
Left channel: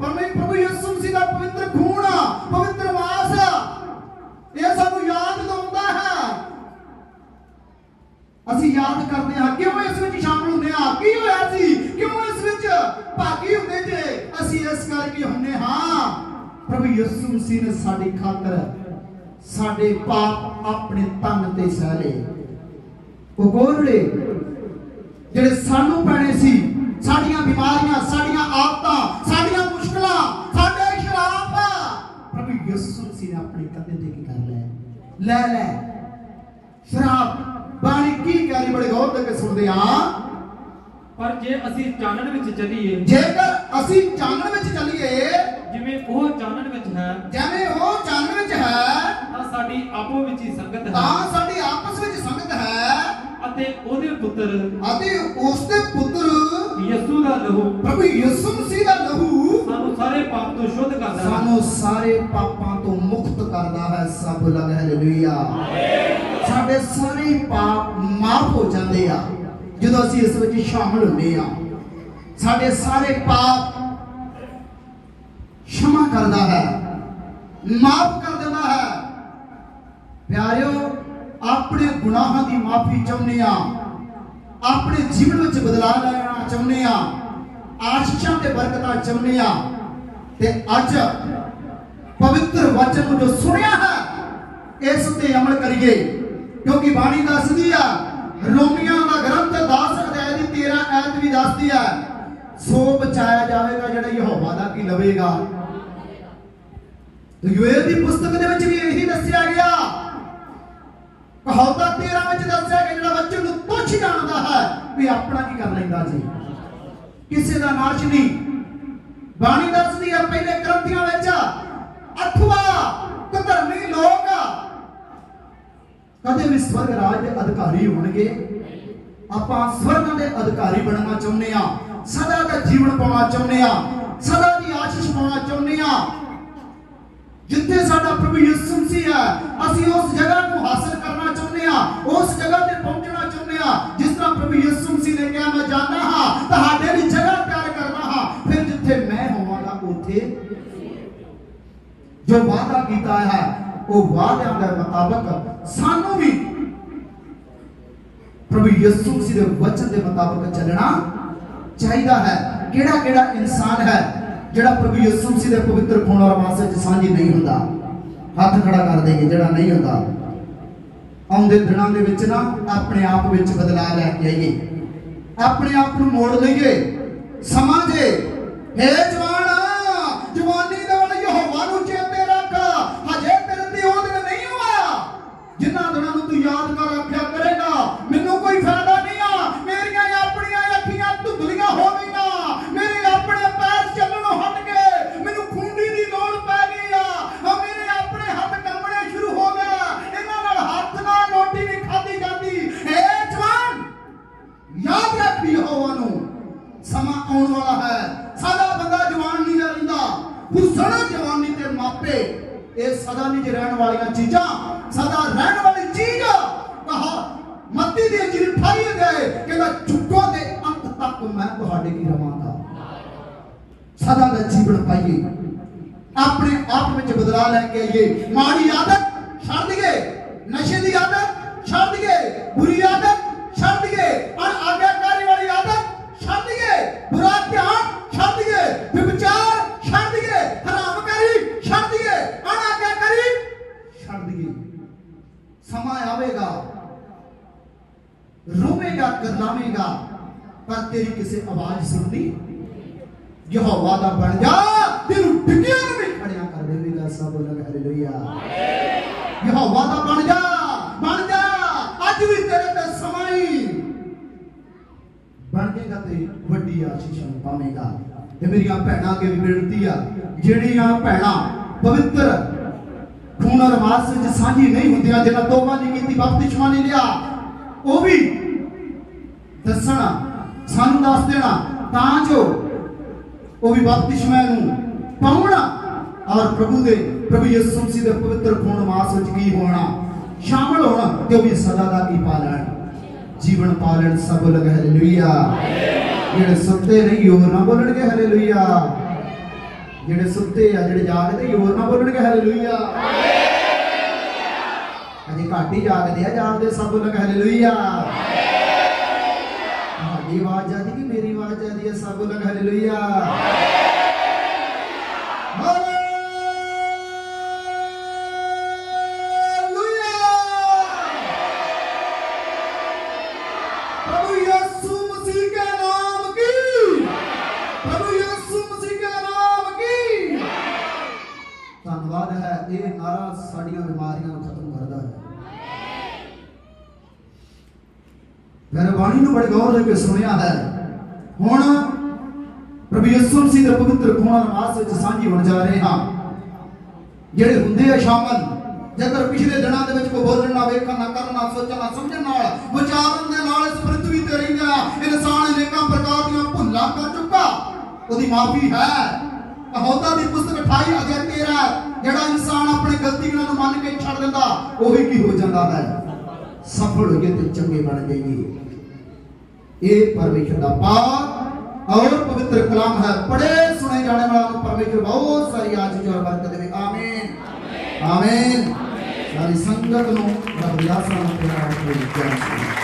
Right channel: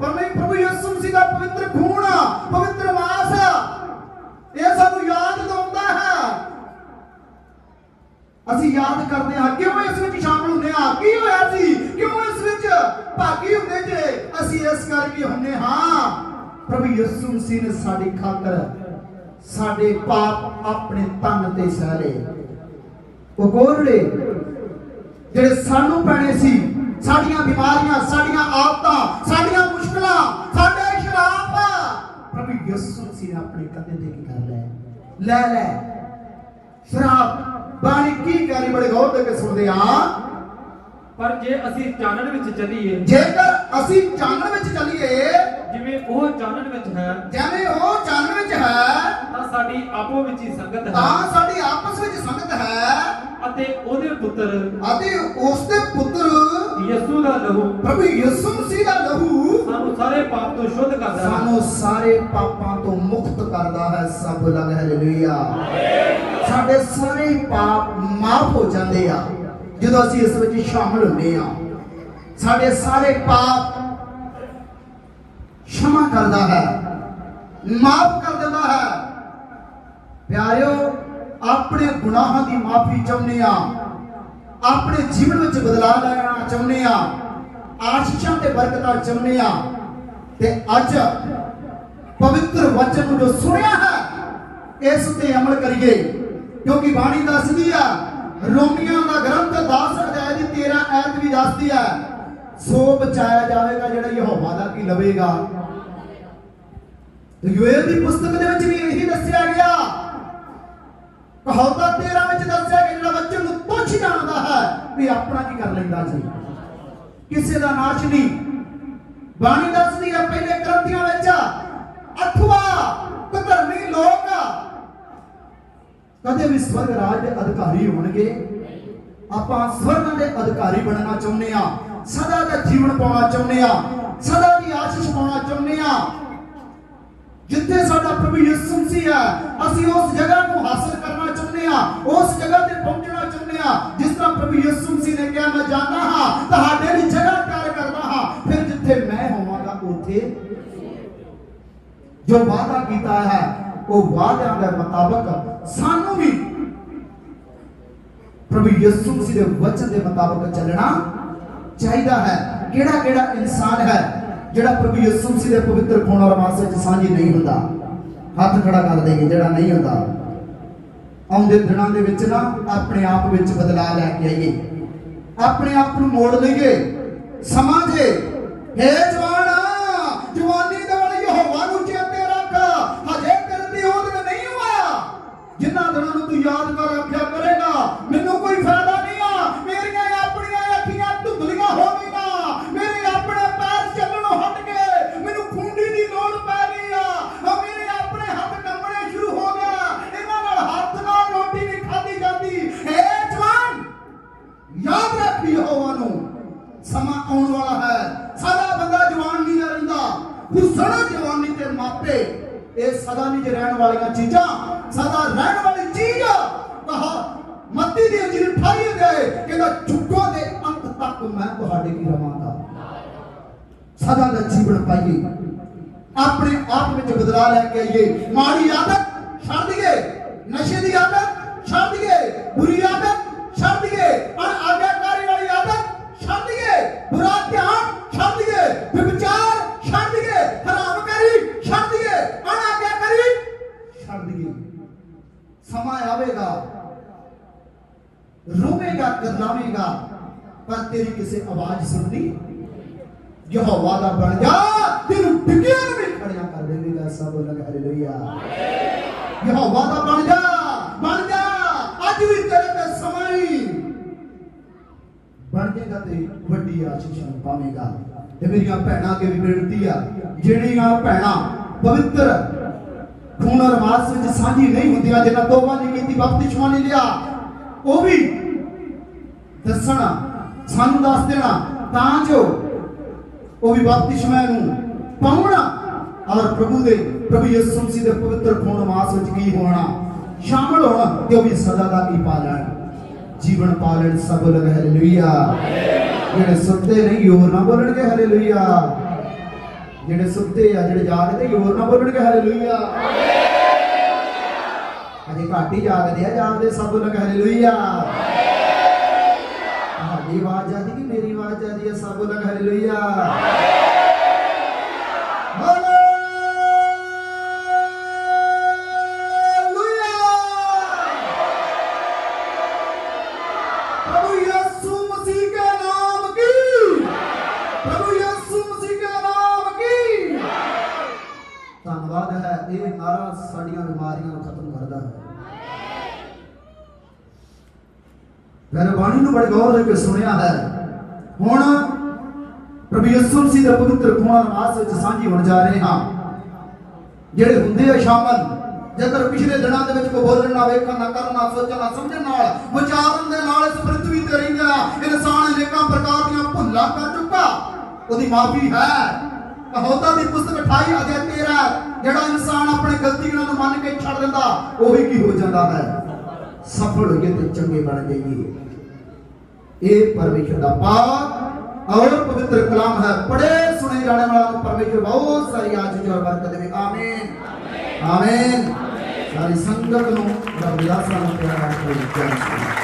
ਪਰਮੇ ਪ੍ਰਭੂ ਯਿਸੂ ਮਸੀਹ ਦਾ ਪਵਿੱਤਰ ਖੂਨ, ਪਵਿੱਤਰ ਮਾਸ ਇਹ ਸਾਨੂੰ ਯਾਦ ਦਿਵਾਉਂਦਾ ਹੈ। ਅਸੀਂ ਯਾਦ ਕਰਦੇ ਹਾਂ, ਕਿਉਂ ਇਸ ਵਿੱਚ ਸ਼ਾਮਲ ਹੁੰਦੇ ਹਾਂ? ਕੀ ਹੋਇਆ ਸੀ? ਕਿਉਂ ਇਸ ਵਿੱਚ ਭਾਗੀ ਹੁੰਦੇ ਜੇ? ਅਸੀਂ ਇਸ ਕਰਕੇ ਹੁੰਦੇ ਹਾਂ। ਪ੍ਰਭੂ ਯਿਸੂ ਮਸੀਹ ਨੇ ਸਾਡੀ ਖਾਤਰ ਸਾਡੇ ਪਾਪ ਆਪਣੇ ਤਨ ਤੇ ਸਹਿ ਲਏ। ਉਹ ਗੋਰੜੇ ਜਿਹੜੇ ਸਾਨੂੰ ਪੈਣੇ ਸੀ ਸਾਡੀਆਂ ਬਿਮਾਰੀਆਂ ਸਾਡੀਆਂ ਆਦਤਾਂ ਸਾਡੀਆਂ ਮੁਸ਼ਕਲਾਂ ਸਾਡੇ ਸ਼ਰਾਪ ਪ੍ਰਭੂ ਯਿਸੂ ਮਸੀਹ ਨੇ ਆਪਣੇ ਕੰਧੇ ਤੇ ਕੀ ਕਰ ਲਿਆ? ਲੈ ਲੈ। ਸ਼ਰਾਬ ਬਾਣੀ ਕੀ ਕਹਿ ਰਹੀ ਬੜੇ ਗੌਰ ਦੇ ਕੇ ਸੁਣਦੇ ਆ। ਪਰ ਜੇ ਅਸੀਂ ਚਾਨਣ ਵਿੱਚ ਚੱਲੀਏ ਜੇਕਰ ਅਸੀਂ ਚਾਨਣ ਵਿੱਚ ਚੱਲੀਏ ਜਿਵੇਂ ਉਹ ਚਾਨਣ ਵਿੱਚ ਹੈ ਜਿਵੇਂ ਉਹ ਚਾਨਣ ਵਿੱਚ ਹੈ ਤਾਂ ਸਾਡੀ ਆਪੋ ਵਿੱਚ ਹੀ ਸੰਗਤ ਹੈ। ਤਾਂ ਸਾਡੀ ਆਪਸ ਵਿੱਚ ਸੰਗਤ ਹੈ। ਅਤੇ ਉਹਦੇ ਪੁੱਤਰ ਅਤੇ ਉਸ ਦੇ ਪੁੱਤਰ ਯਿਸੂ ਦਾ ਲਹੂ ਪ੍ਰਭੂ ਯਿਸੂ ਮਸੀਹ ਦਾ ਲਹੂ ਸਾਨੂੰ ਸਾਰੇ ਪਾਪ ਤੋਂ ਸ਼ੁੱਧ ਕਰਦਾ ਹੈ ਸਾਨੂੰ ਸਾਰੇ ਪਾਪਾਂ ਤੋਂ ਮੁਕਤ ਕਰਦਾ ਹੈ ਸਭ ਲਗ ਹਾਲੇਲੂਇਆ ਸਾਡੇ ਸਾਰੇ ਪਾਪ ਮਾਫ ਹੋ ਜਾਂਦੇ ਆ ਜਦੋਂ ਅਸੀਂ ਇਸ ਵਿੱਚ ਸ਼ਾਮਲ ਹੁੰਦੇ ਆ ਸਾਡੇ ਸਾਰੇ ਪਾਪ क्षमा करता है माफ कर देता है ਪਿਆਰਿਓ ਆਪਣੇ ਗੁਨਾਹਾਂ ਦੀ ਮਾਫੀ ਚਾਹੁੰਦੇ ਆ ਆਪਣੇ ਜੀਵਨ ਵਿੱਚ ਬਦਲਾਅ ਲੈਣਾ ਚਾਹੁੰਦੇ ਆ ਆਸ਼ੀਸ਼ਾਂ ਤੇ ਬਰਕਤਾਂ ਚਾਹੁੰਦੇ ਆ ਤੇ ਅੱਜ ਪਵਿੱਤਰ ਵਚਨ ਨੂੰ ਜੋ ਸੁਣਿਆ ਹੈ, ਇਸ ਤੇ ਅਮਲ ਕਰੀਏ। ਕਿਉਂਕਿ ਬਾਣੀ ਦੱਸਦੀ ਆ, ਰੋਮੀਆਂ ਦਾ ਗ੍ਰੰਥ 10 ਅਧਿਆਇ ਦੀ 13 ਐਤ ਵੀ ਦੱਸਦੀ ਹੈ ਸੋ ਬਚਾਇਆ ਜਾਵੇਗਾ ਜਿਹੜਾ ਯਹੋਵਾ ਦਾ ਕੀ ਲਵੇਗਾ। ਤੇ ਦੀ ਪੁਸਤਕ ਦੇ ਵਿੱਚ ਵੀ ਇਹੀ ਦੱਸਿਆ ਗਿਆ। ਕਹਾਵਤਾਂ 13 ਵਿੱਚ ਦੱਸਿਆ ਕਿ ਜਿਹੜਾ ਬੱਚੇ ਨੂੰ ਪੁੱਛ ਜਾਣਦਾ ਹੈ ਵੀ ਆਪਣਾ ਕੀ ਕਰ ਲੈਂਦਾ ਜੀ ਕਿਸੇ ਦਾ ਨਾਸ਼ ਨਹੀਂ। ਬਾਣੀ ਦੱਸਦੀ ਹੈ ਪਹਿਲੇ ਗ੍ਰੰਥੀਆਂ ਵਿੱਚ, ਅਥਵਾ ਕੁਧਰਮੀ ਲੋਕ ਕਦੇ ਵੀ ਸਵਰਗ ਰਾਜ ਦੇ ਅਧਿਕਾਰੀ ਹੋਣਗੇ। ਆਪਾਂ ਸਵਰਗਾਂ ਦੇ ਅਧਿਕਾਰੀ ਬਣਨਾ ਚਾਹੁੰਦੇ ਆ ਸਦਾ ਦਾ ਜੀਵਨ ਪਾਉਣਾ ਚਾਹੁੰਦੇ ਆ ਸਦਾ ਦੀ ਆਸ਼ੀਸ਼ ਪਾਉਣਾ ਚਾਹੁੰਦੇ ਆ ਜਿੱਥੇ ਸਾਡਾ ਪ੍ਰਭੂ ਯਿਸੂ ਮਸੀਹ ਹੈ, ਅਸੀਂ ਉਸ ਜਗ੍ਹਾ ਨੂੰ ਹਾਸਲ ਆ ਉਸ ਜਗ੍ਹਾ ਤੇ ਪਹੁੰਚਣਾ ਚਾਹੁੰਦੇ ਆ ਜਿਸ ਤਰ੍ਹਾਂ ਪ੍ਰਭੂ ਯਿਸੂ ਮਸੀਹ ਨੇ ਕਿਹਾ, ਮੈਂ ਜਾਂਦਾ ਹਾਂ, ਤੁਹਾਡੇ ਲਈ ਜਗ੍ਹਾ ਤਿਆਰ ਕਰਦਾ ਹਾਂ। ਫਿਰ ਜਿੱਥੇ ਮੈਂ ਹੋਵਾਂਗਾ, ਉੱਥੇ ਜੋ ਵਾਅਦਾ ਕੀਤਾ ਹੈ, ਉਹ ਵਾਅਦਿਆਂ ਦੇ ਮੁਤਾਬਕ ਸਾਨੂੰ ਵੀ ਪ੍ਰਭੂ ਯਿਸੂ ਮਸੀਹ ਦੇ ਵਚਨ ਦੇ ਮੁਤਾਬਕ ਚੱਲਣਾ ਚਾਹੀਦਾ ਹੈ। ਕਿਹੜਾ ਕਿਹੜਾ ਇਨਸਾਨ ਹੈ, ਜਿਹੜਾ ਪ੍ਰਭੂ ਯਿਸੂ ਮਸੀਹ ਦੇ ਪਵਿੱਤਰ ਖੂਨ ਔਰ ਮਾਸ ਵਿੱਚ ਸਾਂਝੀ ਨਹੀਂ ਹੁੰਦਾ? ਹੱਥ ਖੜਾ ਕਰ ਦੇਗੇ ਜਿਹੜਾ ਨਹੀਂ ਹੁੰਦਾ। ਆਉਂਦੇ ਦਿਨਾਂ ਦੇ ਵਿੱਚ ਨਾ ਆਪਣੇ ਆਪ ਵਿੱਚ ਬਦਲਾਅ ਲੈ ਕੇ ਆਈਏ। ਆਪਣੇ ਆਪ ਨੂੰ ਮੋੜ ਲਈਏ, ਸਮਾਂ ਜੇ ਬੁਰਾ ਧਿਆਨ ਛੱਡ ਦਈਏ ਵਿਚਾਰ ਛੱਡ ਦਈਏ ਹਰਾਮਕਾਰੀ ਛੱਡ ਦਈਏ ਅਨਾਗਿਆਕਾਰੀ ਛੱਡ ਦਈਏ। ਸਮਾਂ ਆਵੇਗਾ, ਰੋਵੇਗਾ ਕਦਲਾਵੇਗਾ ਪਰ ਤੇਰੀ ਕਿਸੇ ਆਵਾਜ਼ ਸੁਣਨੀ ਯਹੋਵਾ ਦਾ ਬਣ ਜਾ ਤੈਨੂੰ ਟਿਕਿਆ ਨੂੰ ਖੜਿਆ ਕਰ ਦੇਵੇਗਾ ਸਭ, ਲਗ ਹਾਲੇਲੂਇਆ ਯਹੋਵਾ ਦਾ ਬਣ ਜਾ ਬਣ ਜਾ ਅੱਜ ਵੀ ਤੇਰੇ ਤੇ ਸਮਾਂ ਹੀ ਬਣ ਜਾਏਗਾ ਤੇ ਵੱਡੀ ਆਸ਼ੀਸ਼ ਪਾਵੇਂਗਾ। ਤੇ ਮੇਰੀਆਂ ਭੈਣਾਂ ਅੱਗੇ ਵੀ ਬੇਨਤੀ ਆ, ਜਿਹੜੀਆਂ ਭੈਣਾਂ ਪਵਿੱਤਰ ਖੂਨ ਔਰ ਵਿੱਚ ਸਾਂਝੀ ਨਹੀਂ ਹੁੰਦੀਆਂ, ਜਿਹਨਾਂ ਤੋਬਾ ਨਹੀਂ ਕੀਤੀ, ਬਪਤਿਸਮਾ ਨਹੀਂ ਲਿਆ, ਉਹ ਵੀ ਦੱਸਣਾ, ਸਾਨੂੰ ਦੱਸ ਦੇਣਾ, ਤਾਂ ਜੋ ਉਹ ਵੀ ਬਪਤਿਸਮਾ ਨੂੰ ਪਾਉਣ ਔਰ ਪ੍ਰਭੂ ਦੇ, ਪ੍ਰਭੂ ਯਿਸੂ ਮਸੀਹ ਦੇ ਪਵਿੱਤਰ ਖੂਨ ਮਾਸ ਵਿੱਚ ਕੀ ਹੋਣਾ, ਸ਼ਾਮਲ ਹੋਣ ਤੇ ਉਹ ਵੀ ਸਦਾ ਦਾ ਕੀ ਪਾ ਲੈਣ ਜੀਵਨ ਪਾ ਲੈਣ ਸਭ ਲਗ ਹਾਲੇਲੂਇਆ ਜਿਹੜੇ ਸੁੱਤੇ ਨਹੀਂ ਹੋਰ ਨਾ ਬੋਲਣਗੇ ਹਾਲੇਲੂਇਆ ਜਿਹੜੇ ਸੁੱਤੇ ਆ ਜਿਹੜੇ ਜਾਗਦੇ ਹੋਰ ਨਾ ਬੋਲਣਗੇ ਹਾਲੇਲੂਇਆ ਅਜੇ ਘੱਟ ਹੀ ਜਾਗਦੇ ਆ ਜਾਗਦੇ ਸਭ ਲਗ ਹਾਲੇਲੂਇਆ ਹੈ ਬਾਣੀ ਨੂੰ ਬੜੇ ਗੌਰ ਨਾਲ ਕੇ ਸੁਣਿਆ ਹੈ ਹੁਣ ਪ੍ਰਭੂ ਯਿਸੂ ਮਸੀਹ ਦੇ ਪਵਿੱਤਰ ਖੂਨ ਨਮਾਜ਼ ਵਿੱਚ ਸਾਂਝੀ ਹੋਣ ਜਾ ਰਹੇ ਹਾਂ ਜਿਹੜੇ ਹੁੰਦੇ ਆ ਸ਼ਾਮਲ ਜੇਕਰ ਪਿਛਲੇ ਦਿਨਾਂ ਦੇ ਵਿੱਚ ਕੋਈ ਬੋਲਣ ਨਾ ਵੇਖਣ ਨਾ ਕਰਨ ਨਾ ਸੋਚਣ ਨਾ ਸਮਝਣ ਨਾਲ ਵਿਚਾਰਨ ਦੇ ਨਾਲ ਇਸ ਪ੍ਰਿਥਵੀ ਤੇ ਰਹਿੰਦਾ ਇਨਸਾਨ ਅਨੇਕਾਂ ਪ੍ਰਕਾਰ ਦੀਆਂ ਭੁੱਲਾਂ ਕਰ ਚੁੱਕਾ ਉਹਦੀ ਮਾਫੀ ਹੈ ਕਹੌਤਾ ਦੀ ਪੁਸਤਕ 28 ਅਧਿਆਇ 13 ਜਿਹੜਾ ਇਨਸਾਨ ਆਪਣੀ ਗਲਤੀਆਂ ਨੂੰ ਮੰਨ ਕੇ ਛੱਡ ਦਿੰਦਾ ਉਹ ਵੀ ਕੀ ਹੋ ਜਾਂਦਾ ਹੈ ਸਫਲ ਹੋਈਏ ਤੇ ਚੰਗੇ ਬਣ ਜਾਈਏ ਇਹ ਪਰਮੇਸ਼ਰ ਦਾ ਪਾਕ ਔਰ ਪਵਿੱਤਰ ਕਲਾਮ ਹੈ ਪੜੇ ਸੁਣੇ ਜਾਣੇ ਵਾਲਾ ਪਰਮੇਸ਼ਰ ਬਹੁਤ ਸਾਰੀ ਆਸ਼ੀਸ਼ ਔਰ ਬਰਕਤ ਦੇਵੇ ਆਮੀਨ ਆਮੀਨ ਸਾਰੀ ਸੰਗਤ ਨੂੰ ਰੱਬ ਦਾ ਸਾਰਾ ਪਿਆਰ ਤੇ ਜੈ